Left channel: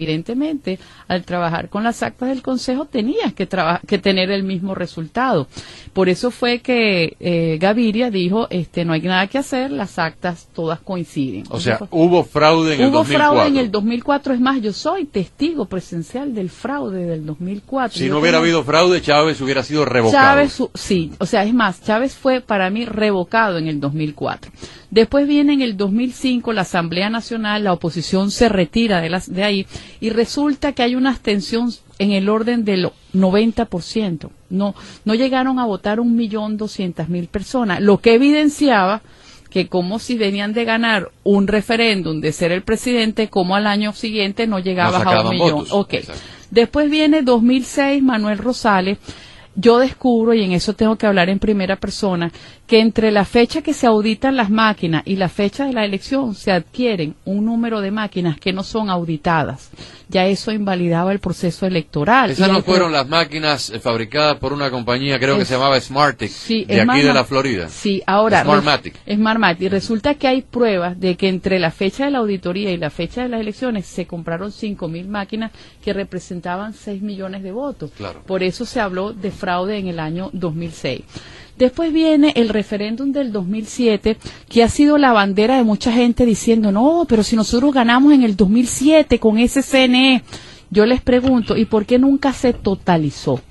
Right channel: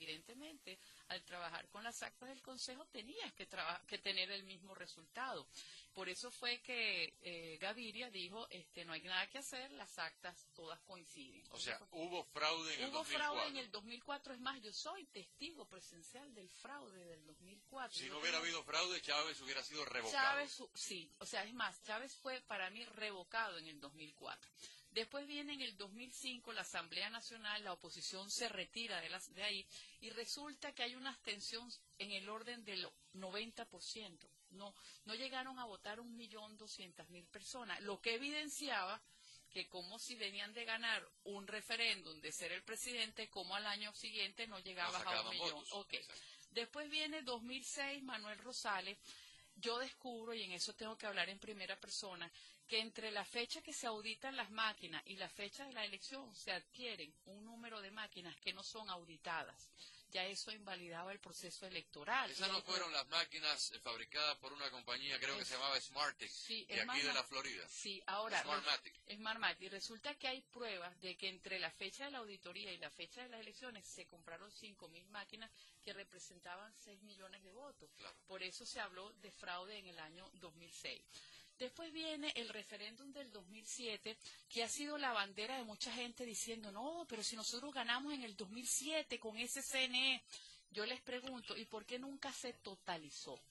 Evidentemente, al trabajar con las actas del Consejo tenías que tener el mismo resultado. Por eso fue que Gaviria dijo, no hay nada que hacer, las actas todas coinciden. O sea, hubo fraude en el 2004. Hubo fraude en el 2004, es más, yo soy testigo presencial del fraude del 2004. Si no hubiera habido fraude, Chávez hubiera sido revocado. Sí, o sea, es más, Chávez fue para mí revocado en el 2004. Después viene en el 2005 la Asamblea Nacional, la oposición se retira de ahí y resulta que hay una abstención en el orden del 90%. No llegaron a votar 1.200.000 personas, lo que evidenciaba que como si venían de ganar un referéndum de ser el presidente, como al año siguiente no llegabas a 1 millón. Okay. Después viene 2006, Manuel Rosales. Yo descubro, y en eso tengo que hablar en primera persona, que entre la fecha que se auditan las máquinas y la fecha de la elección se adquieren un número de máquinas que no son auditadas. Ya eso invalidaba el proceso electoral. Esas no fueron las máquinas fabricadas por una compañía, creo que se llamaba Smartec, de aquí de la Florida. Sí, ahora Smartmatic. Y resulta que hay pruebas de que entre la fecha de la auditoría y la fecha de las elecciones se compraron 5.000 máquinas que representaban 6 millones de votos. Claro. Por eso se habló de fraude en el año 2006. Después viene el referéndum del 2007, que ha sido la bandera de mucha gente diciendo, no, pero si nosotros ganamos en el 2007 con ese CNE, yo les pregunto, ¿y por qué nunca se totalizó?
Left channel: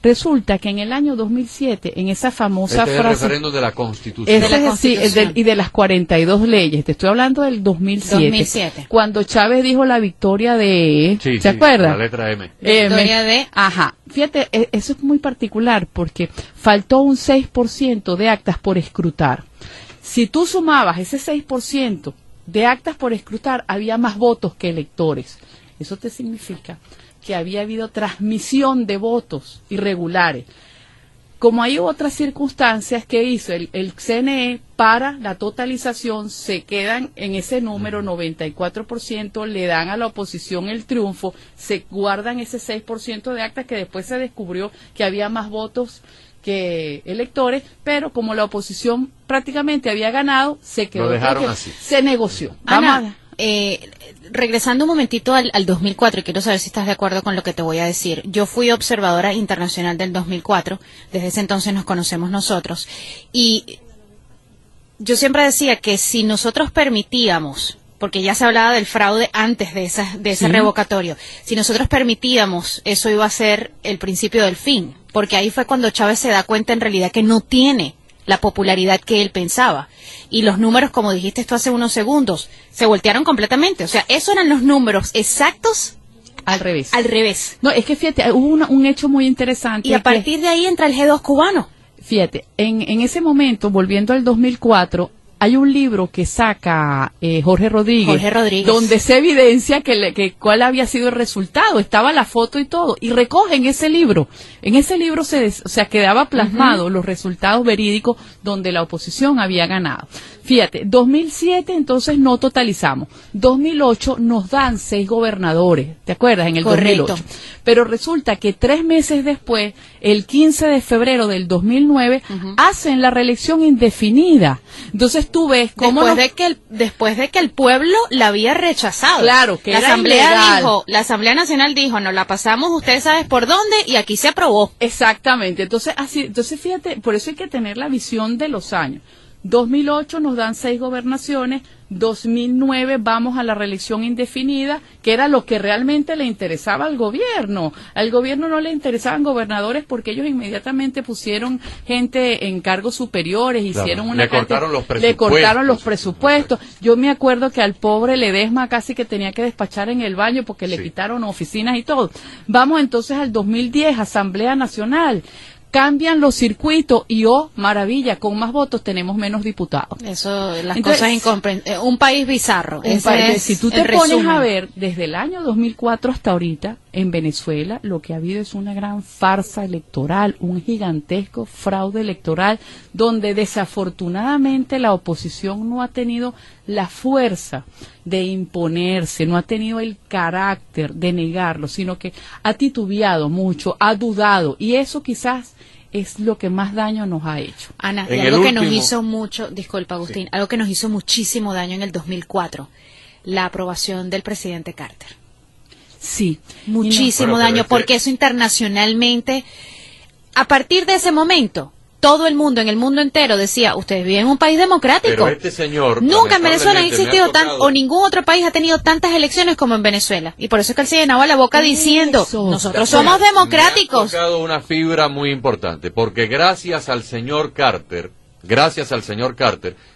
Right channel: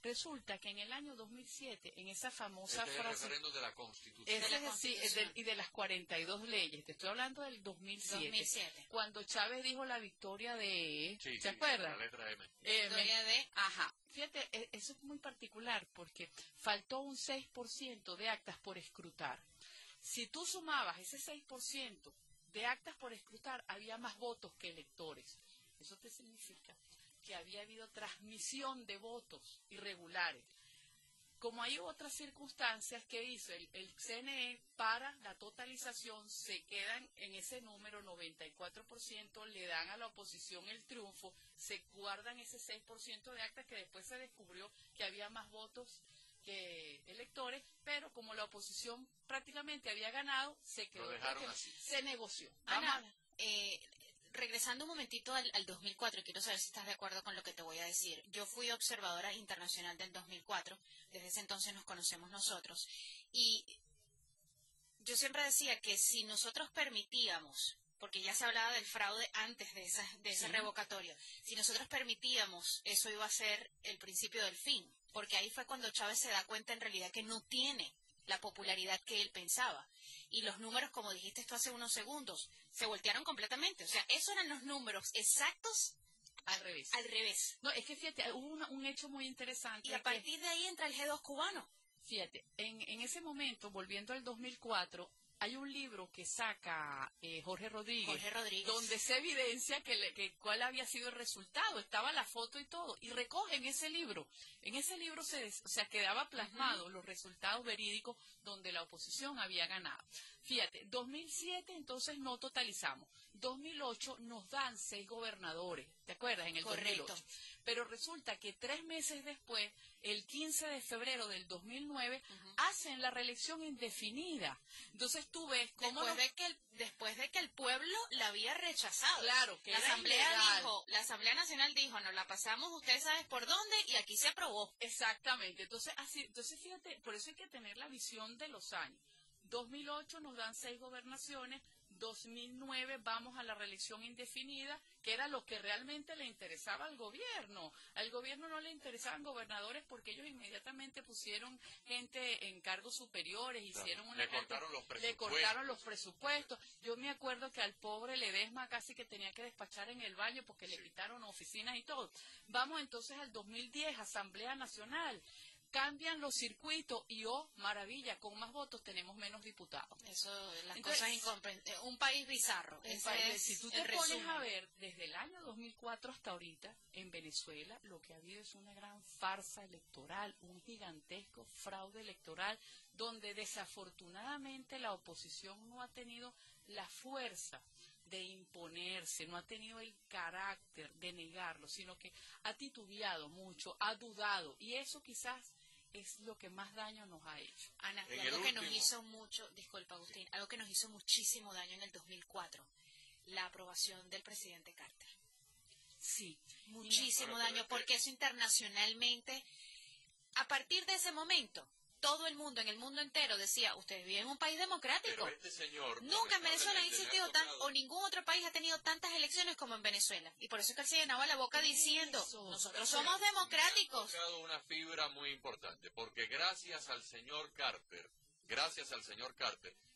Resulta que en el año 2007, en esa famosa frase... es el referéndum de la Constitución. Y de las 42 leyes. Te estoy hablando del 2007. Cuando Chávez dijo la victoria de... ¿Se acuerda? La letra M. Victoria de... Ajá. Fíjate, eso es muy particular porque faltó un 6% de actas por escrutar. Si tú sumabas ese 6% de actas por escrutar, había más votos que electores. Eso te significa que había habido transmisión de votos irregulares. Como hay otras circunstancias que hizo el CNE para la totalización, se quedan en ese número 94%, le dan a la oposición el triunfo, se guardan ese 6% de actas que después se descubrió que había más votos que electores, pero como la oposición prácticamente había ganado, se quedó. Lo dejaron así. Se negoció. Ana, regresando un momentito al 2004, y quiero saber si estás de acuerdo con lo que te voy a decir. Yo fui observadora internacional del 2004, desde ese entonces nos conocemos nosotros, y yo siempre decía que si nosotros permitíamos, porque ya se hablaba del fraude antes de ese revocatorio, si nosotros permitíamos, eso iba a ser el principio del fin, porque ahí fue cuando Chávez se da cuenta en realidad que no tiene la popularidad que él pensaba. Y los números, como dijiste esto hace unos segundos, se voltearon completamente. O sea, esos eran los números exactos al revés. Al revés. No, es que fíjate, hubo un hecho muy interesante. Y a partir de ahí entra el G2 cubano. Fíjate, en ese momento, volviendo al 2004, hay un libro que saca Jorge Rodríguez, donde se evidencia que cuál había sido el resultado, estaba la foto y todo, y recogen ese libro. En ese libro quedaba plasmado los resultados verídicos donde la oposición había ganado. Fíjate, 2007 entonces no totalizamos, 2008 nos dan 6 gobernadores, ¿te acuerdas? En el 2008. Pero resulta que 3 meses después, el 15 de febrero del 2009, hacen la reelección indefinida. Entonces tú ves cómo después de que el pueblo la había rechazado. Claro, que la era Asamblea ilegal. la Asamblea Nacional dijo, nos la pasamos, ustedes saben por dónde, y aquí se aprobó. Exactamente. Entonces fíjate, por eso hay que tener la visión de los años. 2008 nos dan 6 gobernaciones, 2009 vamos a la reelección indefinida, que era lo que realmente le interesaba al gobierno. Al gobierno no le interesaban gobernadores porque ellos inmediatamente pusieron gente en cargos superiores, hicieron le cortaron los presupuestos. Yo me acuerdo que al pobre Ledesma casi que tenía que despachar en el baño porque le quitaron oficinas y todo. Vamos entonces al 2010, Asamblea Nacional. Cambian los circuitos y, maravilla, con más votos tenemos menos diputados. Eso, cosas incomprensibles. Un país bizarro. Si tú te pones a ver, desde el año 2004 hasta ahorita, en Venezuela, lo que ha habido es una gran farsa electoral, un gigantesco fraude electoral, donde desafortunadamente la oposición no ha tenido la fuerza de imponerse, no ha tenido el carácter de negarlo, sino que ha titubeado mucho, ha dudado, y eso quizás es lo que más daño nos ha hecho. Ana, y algo que nos hizo mucho, disculpa Agustín, algo que nos hizo muchísimo daño en el 2004, la aprobación del presidente Carter. Sí. Muchísimo daño, porque eso internacionalmente, a partir de ese momento, todo el mundo, en el mundo entero, decía, ustedes viven en un país democrático. Pero este señor... Nunca en Venezuela ha existido o ningún otro país ha tenido tantas elecciones como en Venezuela. Y por eso es que él se llenaba la boca diciendo, nosotros somos democráticos. Me ha tocado una fibra muy importante, porque gracias al señor Carter,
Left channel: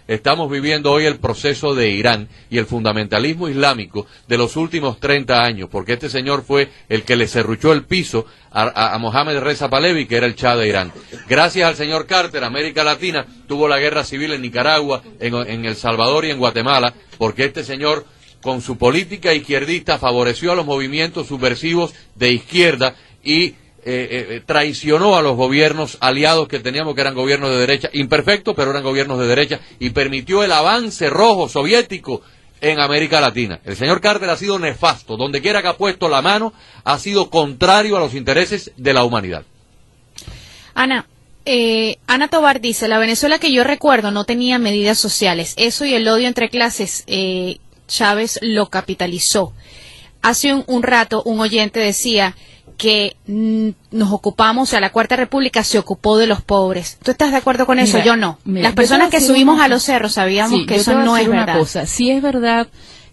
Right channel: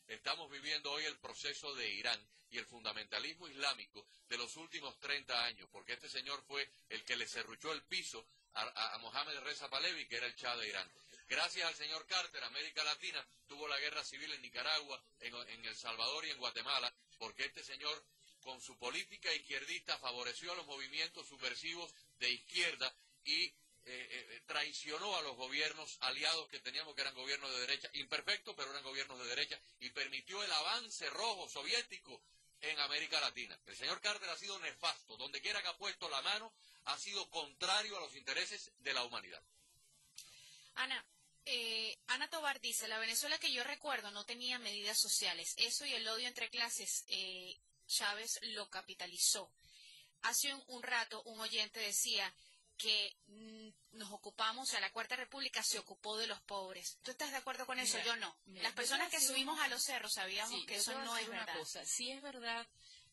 estamos viviendo hoy el proceso de Irán y el fundamentalismo islámico de los últimos 30 años, porque este señor fue el que le serruchó el piso a Mohamed Reza Pahlavi, que era el Shah de Irán. Gracias al señor Carter, América Latina tuvo la guerra civil en Nicaragua, en El Salvador y en Guatemala, porque este señor, con su política izquierdista, favoreció a los movimientos subversivos de izquierda y traicionó a los gobiernos aliados que teníamos, que eran gobiernos de derecha, imperfectos, pero eran gobiernos de derecha, y permitió el avance rojo soviético en América Latina. El señor Carter ha sido nefasto, donde quiera que ha puesto la mano, ha sido contrario a los intereses de la humanidad. Ana Tobar dice, la Venezuela que yo recuerdo no tenía medidas sociales, eso y el odio entre clases, Chávez lo capitalizó. Hace un rato un oyente decía que nos ocupamos, o sea, la Cuarta República se ocupó de los pobres. ¿Tú estás de acuerdo con eso? Yo no. Las personas que subimos a los cerros sabíamos que eso no es verdad. Sí es verdad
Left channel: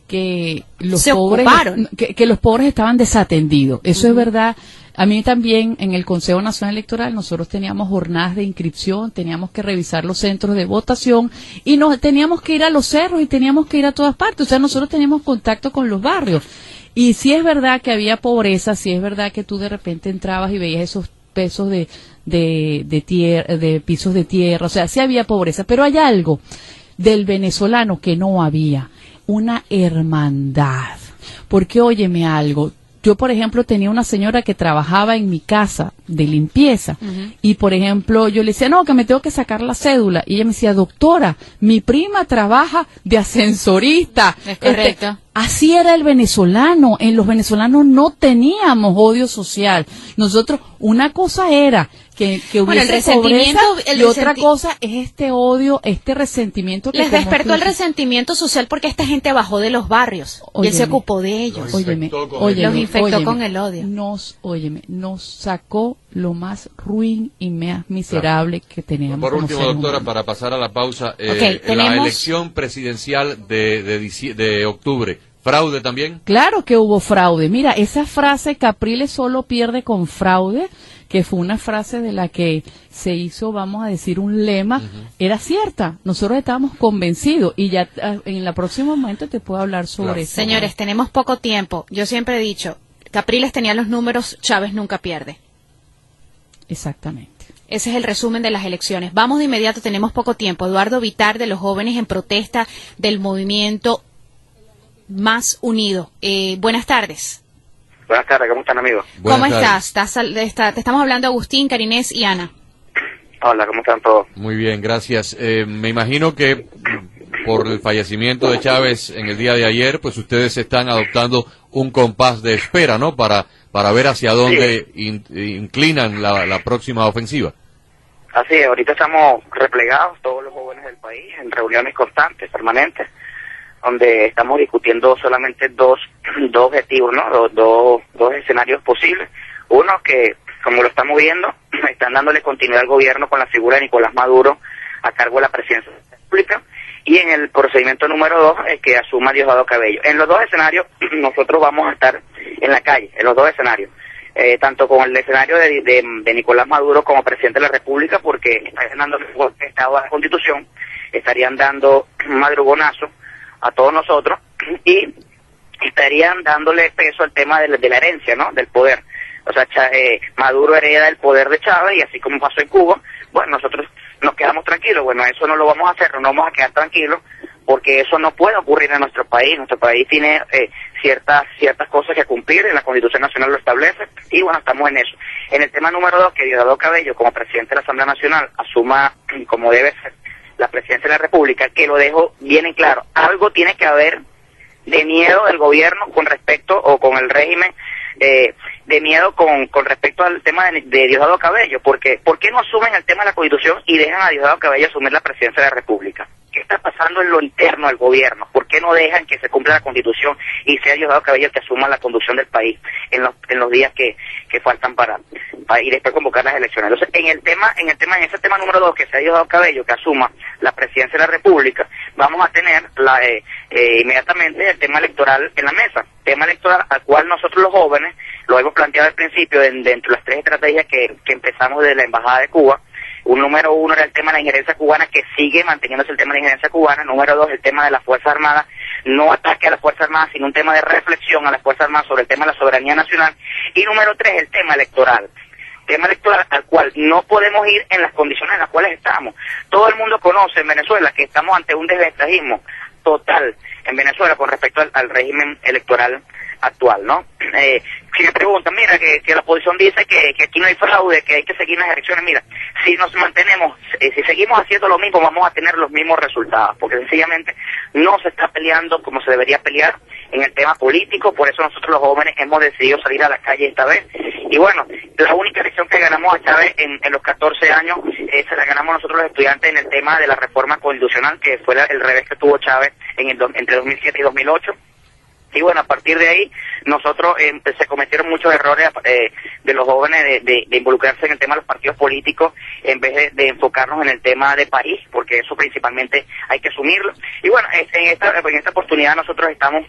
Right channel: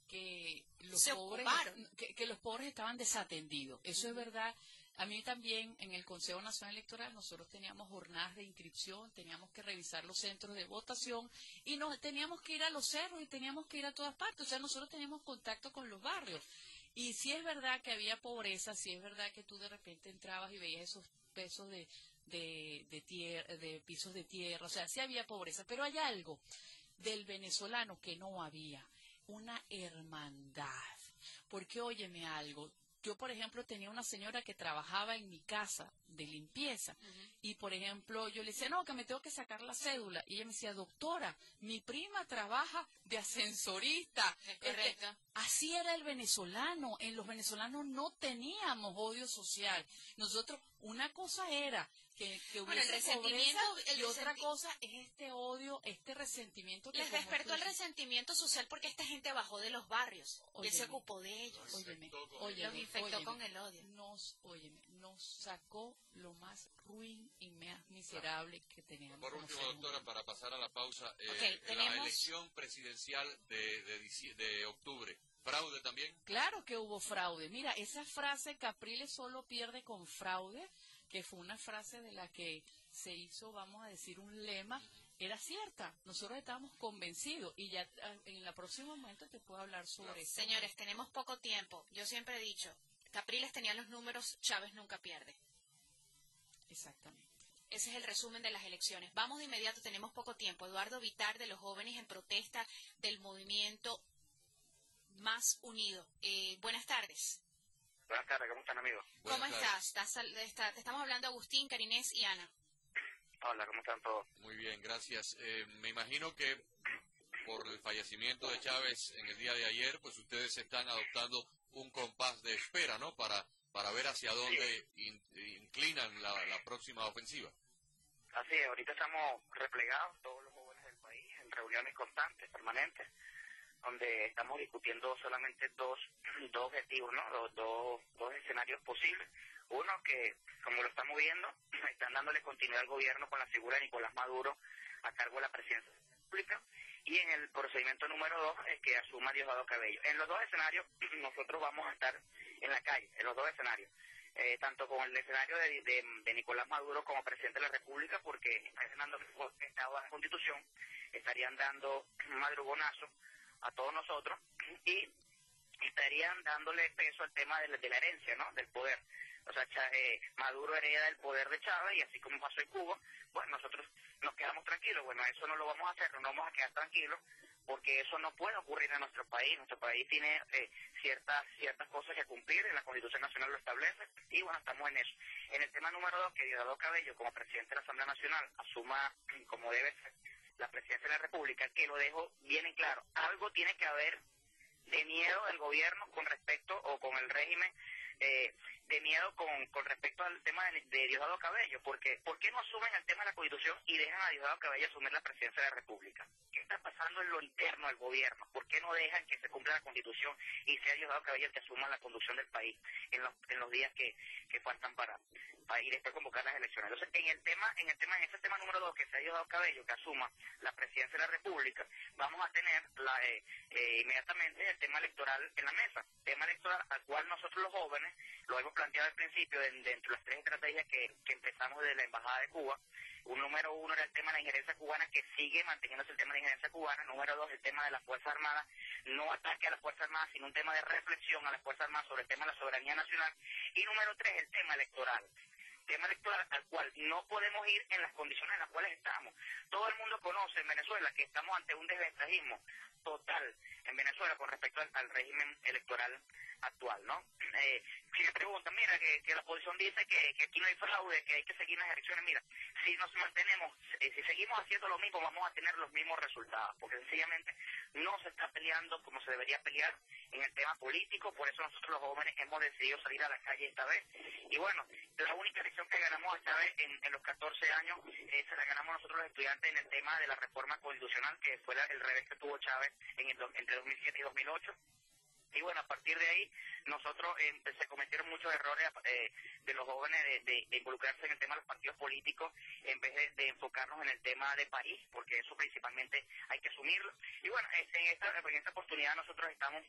que los pobres que los pobres estaban desatendidos. Eso es verdad. A mí también en el Consejo Nacional Electoral nosotros teníamos jornadas de inscripción, teníamos que revisar los centros de votación y teníamos que ir a los cerros y teníamos que ir a todas partes. O sea, nosotros teníamos contacto con los barrios. Y sí es verdad que había pobreza, sí es verdad que tú de repente entrabas y veías esos pesos de pisos de tierra, o sea, sí había pobreza, pero hay algo del venezolano que no había, una hermandad. Porque óyeme algo, yo por ejemplo tenía una señora que trabajaba en mi casa de limpieza y por ejemplo yo le decía, no, que me tengo que sacar la cédula, y ella me decía, doctora, mi prima trabaja de ascensorista. Es correcto. Así era el venezolano. En los venezolanos no teníamos odio social. Nosotros, una cosa era que hubiese pobreza y otra cosa es este odio, este resentimiento. Les despertó el resentimiento social porque esta gente bajó de los barrios y él se ocupó de ellos. Los infectó con el odio. Nos sacó lo más ruin y más miserable que teníamos. Por último, doctora, para pasar a la pausa, la elección presidencial de octubre, ¿fraude también? Claro que hubo fraude. Mira, esa frase, Capriles solo pierde con fraude, que fue una frase de la que se hizo, vamos a decir, un lema, era cierta. Nosotros estábamos convencidos y ya en el próximo momento te puedo hablar sobre eso. Señores, tenemos poco tiempo. Yo siempre he dicho, Capriles tenía los números, Chávez nunca pierde. Exactamente. Ese es el resumen de las elecciones. Vamos de inmediato, tenemos poco tiempo. Eduardo Vitar, de los jóvenes en protesta del movimiento Más Unido. Buenas tardes. Buenas tardes, ¿cómo están, amigos? ¿Cómo estás? Te estamos hablando Agustín, Carinés y Ana. Hola, ¿cómo están todos? Muy bien, gracias. Me imagino que por el fallecimiento de Chávez en el día de ayer, pues ustedes están adoptando un compás de espera, ¿no? Para ver hacia dónde inclinan la próxima ofensiva. Así es, ahorita estamos replegados, todos los jóvenes del país, en reuniones constantes, permanentes, donde estamos discutiendo solamente dos objetivos, ¿no? Dos escenarios posibles. Uno, que como lo estamos viendo, están dándole continuidad al gobierno con la figura de Nicolás Maduro a cargo de la presidencia de la República, y en el procedimiento número 2, que asuma Diosdado Cabello. En los dos escenarios nosotros vamos a estar en la calle, en los dos escenarios, tanto con el escenario de Nicolás Maduro como presidente de la República, porque estarían dando el Estado a la Constitución, estarían dando un madrugonazo a todos nosotros y estarían dándole peso al tema de la herencia, ¿no? Del poder. O sea, Maduro hereda el poder de Chávez, y así como pasó en Cuba, bueno, nosotros nos quedamos tranquilos. Bueno, eso no lo vamos a hacer, no vamos a quedar tranquilos, porque eso no puede ocurrir en nuestro país. Nuestro país tiene ciertas cosas que cumplir, en la Constitución Nacional lo establece, y bueno, estamos en eso. En el tema número 2, que Diosdado Cabello, como presidente de la Asamblea Nacional, asuma como debe ser la presidencia de la República, que lo dejo bien en claro, algo tiene que haber de miedo del gobierno con respecto, o con el régimen de miedo con respecto al tema de Diosdado Cabello, porque ¿por qué no asumen el tema de la Constitución y dejan a Diosdado Cabello asumir la presidencia de la República? ¿Qué está pasando en lo interno del gobierno? ¿Por qué no dejan que se cumpla la Constitución y sea Diosdado Cabello el que asuma la conducción del país en los días que faltan para y después convocar las elecciones? Entonces, en ese tema número 2, que sea Diosdado Cabello que asuma la presidencia de la República, vamos a tener inmediatamente el tema electoral en la mesa, tema electoral al cual nosotros los jóvenes lo hemos planteado al principio dentro de las 3 estrategias que empezamos desde la Embajada de Cuba. Número 1 era el tema de la injerencia cubana, que sigue manteniéndose el tema de la injerencia cubana. Número 2, el tema de las Fuerzas Armadas, no ataque a las Fuerzas Armadas, sino un tema de reflexión a las Fuerzas Armadas sobre el tema de la soberanía nacional. Y número 3, el tema electoral al cual no podemos ir en las condiciones en las cuales estamos. Todo el mundo conoce en Venezuela que estamos ante un desventajismo total en Venezuela con respecto al régimen electoral actual, ¿no? Si me preguntan, mira, que la oposición dice que aquí no hay fraude, que hay que seguir las elecciones, mira, si nos mantenemos, si seguimos haciendo lo mismo, vamos a tener los mismos resultados, porque sencillamente no se está peleando como se debería pelear en el tema político. Por eso nosotros los jóvenes hemos decidido salir a la calle esta vez. Y bueno, la única elección que ganamos a Chávez en los 14 años, se la ganamos nosotros los estudiantes en el tema de la reforma constitucional, que fue el revés que tuvo Chávez entre 2007 y 2008. Y bueno, a partir de ahí, nosotros se cometieron muchos errores de los jóvenes de involucrarse en el tema de los partidos políticos en vez de enfocarnos en el tema de país, porque eso principalmente hay que asumirlo. Y bueno, en esta oportunidad nosotros estamos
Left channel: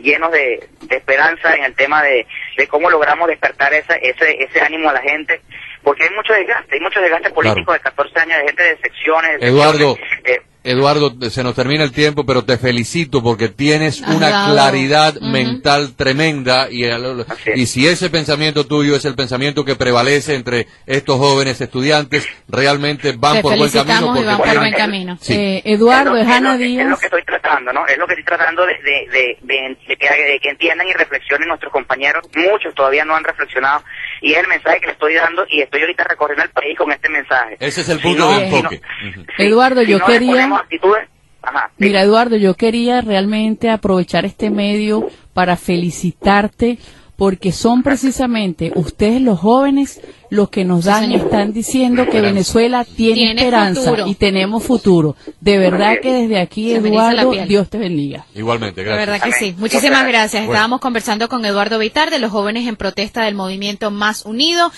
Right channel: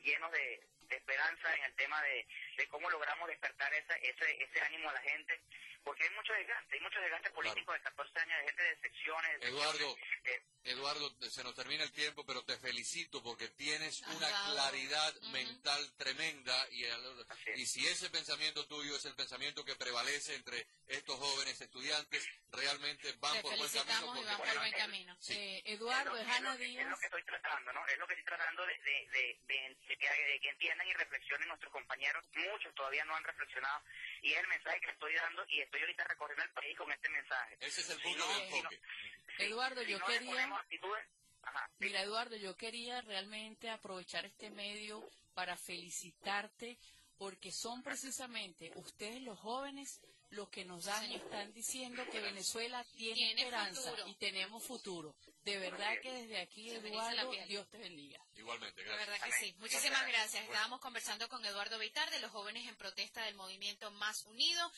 llenos de esperanza en el tema de cómo logramos despertar ese ánimo a la gente, porque hay mucho desgaste político, claro, de 14 años, de gente de secciones. Eduardo, se nos termina el tiempo, pero te felicito porque tienes una claridad mental tremenda y si ese pensamiento tuyo es el pensamiento que prevalece entre estos jóvenes estudiantes, realmente van por buen camino. Porque van por buen camino. Sí. Eduardo, es Ana Díaz. Es lo que estoy tratando, ¿no? Es lo que estoy tratando de que entiendan y reflexionen nuestros compañeros. Muchos todavía no han reflexionado y es el mensaje que le estoy dando y estoy ahorita recorriendo el país con este mensaje. Ese es el punto de enfoque. Eduardo, yo quería... Ajá, mira, Eduardo, yo quería realmente aprovechar este medio para felicitarte porque son precisamente ustedes los jóvenes los que nos dan y están diciendo que Venezuela tiene esperanza futuro. Y tenemos futuro. De verdad que desde aquí, Eduardo, Dios te bendiga. Igualmente, gracias. De verdad que sí. Muchísimas gracias. Estábamos conversando con Eduardo Vitar de los jóvenes en protesta del movimiento Más Unido.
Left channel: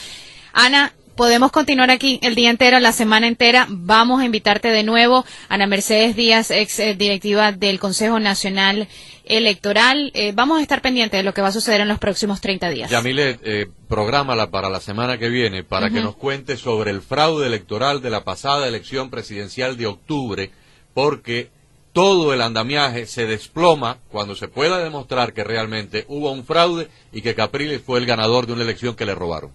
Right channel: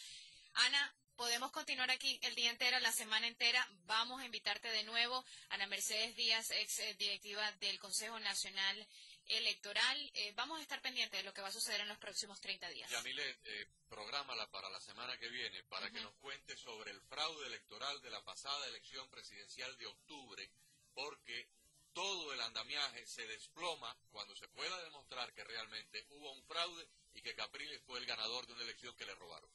Ana, podemos continuar aquí el día entero, la semana entera. Vamos a invitarte de nuevo. Ana Mercedes Díaz, ex directiva del Consejo Nacional Electoral. Vamos a estar pendientes de lo que va a suceder en los próximos 30 días. Yamilet, prográmala para la semana que viene para que nos cuente sobre el fraude electoral de la pasada elección presidencial de octubre, porque todo el andamiaje se desploma cuando se pueda demostrar que realmente hubo un fraude y que Capriles fue el ganador de una elección que le robaron.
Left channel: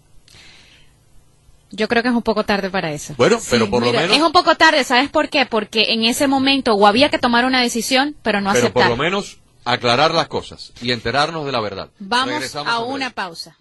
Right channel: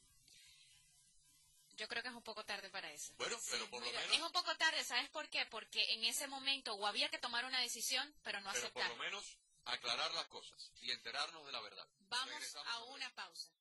Yo creo que es un poco tarde para eso. Bueno, pero por lo menos... Es un poco tarde, ¿sabes por qué? Porque en ese momento o había que tomar una decisión, pero no aceptar. Pero por lo menos aclarar las cosas y enterarnos de la verdad. Vamos a una pausa.